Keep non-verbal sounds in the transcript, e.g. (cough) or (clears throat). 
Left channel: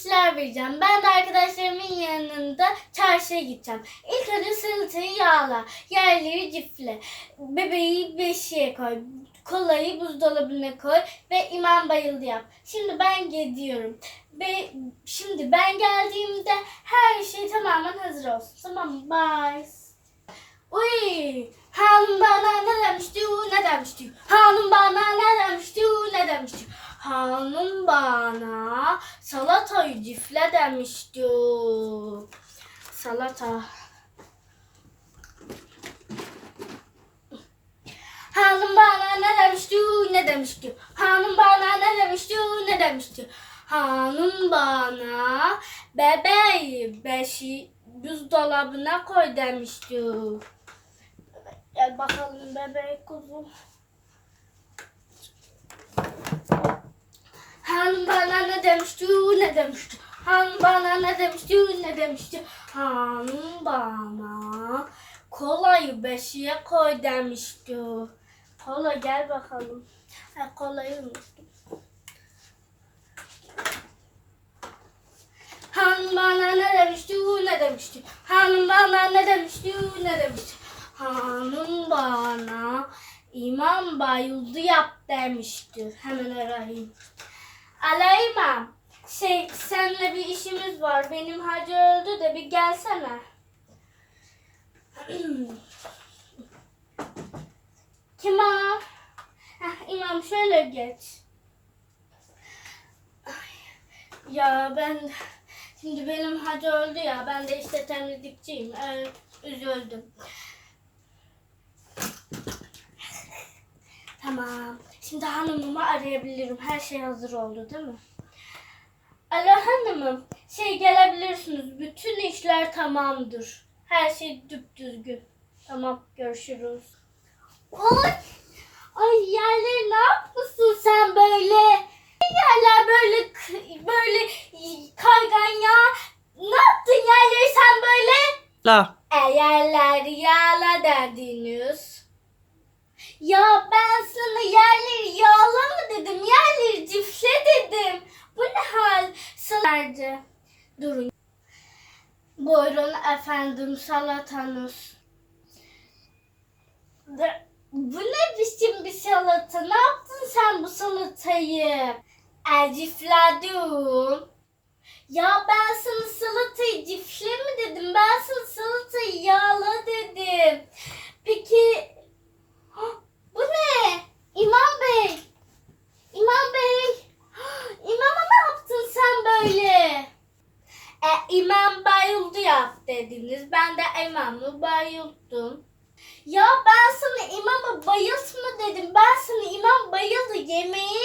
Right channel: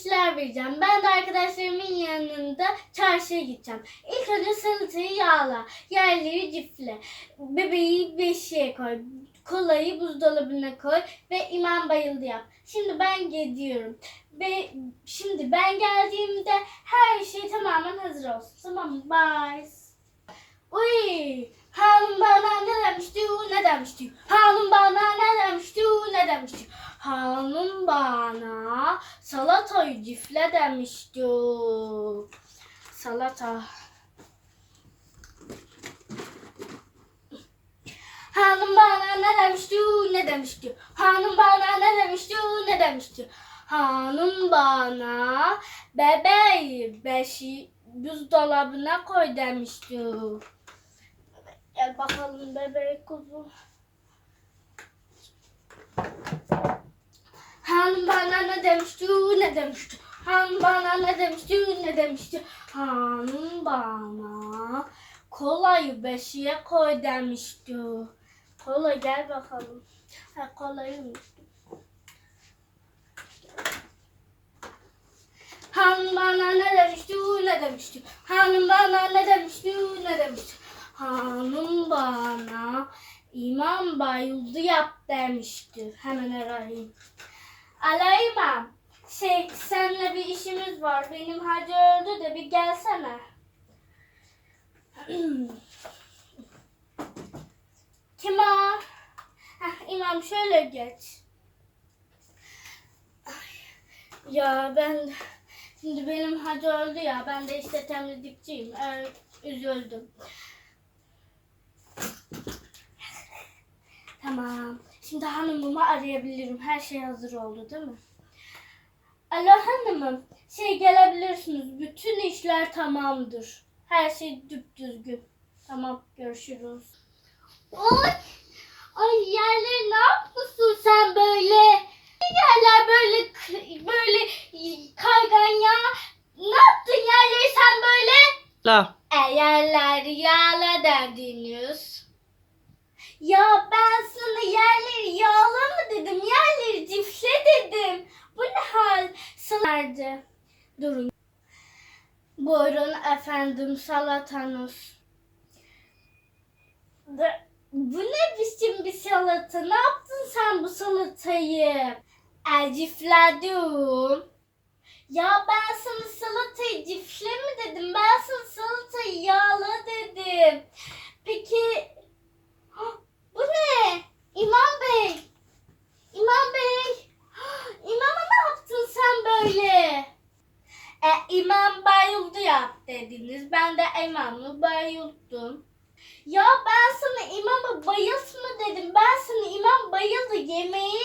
işler vereceğim. Ben de arkadaşlarımın yanında çarşıya gideceğim. İlk önce salatayı yağla. Yerleri cifle. Bebeği beşiğe koy. Kolayı buzdolabına koy ve imam bayıldı yap. Şimdi ben gidiyorum. Ve şimdi ben geldiğimde her şey tamamen hazır olsun. Tamam mı? Bye. Uy! Hanım bana ne demişti, ne demişti? Hanım bana ne demişti, ne demişti? Hanım bana salatayı cifle demişti. Salata. Hanım bana ne demişti, ne demişti? Hanım bana ne demişti, ne demişti? Hanım bana bebeği beşi buzdolabına koy demişti. Gel bakalım bebek kuzum. Hanım bana ne demişti, ne demişti? Hanım bana ne demişti, ne demişti? Hanım bana kolayı beşiğe koy demişti. Kola gel bakalım. Ha, kolayı unuttum. Hanım bana ne demişti, ne demişti? Hanım bana ne demişti, ne demişti? Hanım bana imam bayıldı yap demişti. Hemen arayayım. Alo imam. Şey seninle bir işimiz var. Benim hacı öldü de bir gelsene. (clears throat) Kim o? Heh, imam şöyle geç. Ay, Ya ben şimdi benim hacı öldü ya. Ben de işte temizlikçiyim. Evet, üzüldüm. Tamam. Şimdi hanımımı arayabilirim. Her şey hazır oldu değil mi? Alo hanımım. Şey gelebilirsiniz. Bütün işler tamamdır. Her şey düzgün. Tamam görüşürüz. Oy! Ay yerleri ne yapmışsın sen böyle? Yerler böyle böyle kaygan ya. Ne yaptın yerleri sen böyle? La. E yerleri yağla derdiniz. Ya ben sana yerleri yağla mı dedim? Yerleri cifle dedim. Bu ne hal? Sana Durun. Buyurun efendim salatanız. Bu ne biçim bir salata? Ne yaptın sen bu salatayı? E, cifledim. Ya ben sana salatayı cifle mi dedim? Ben sana salatayı yağla dedim. Peki Hah, bu ne? İmam Bey. İmam Bey. Hah, İmama ne yaptın sen böyle? E, imam bayıldı yap dediniz. Ben de imamı bayılttım. Ya ben sana imamı bayıltma dedim. Ben sana imam bayıldı yemeği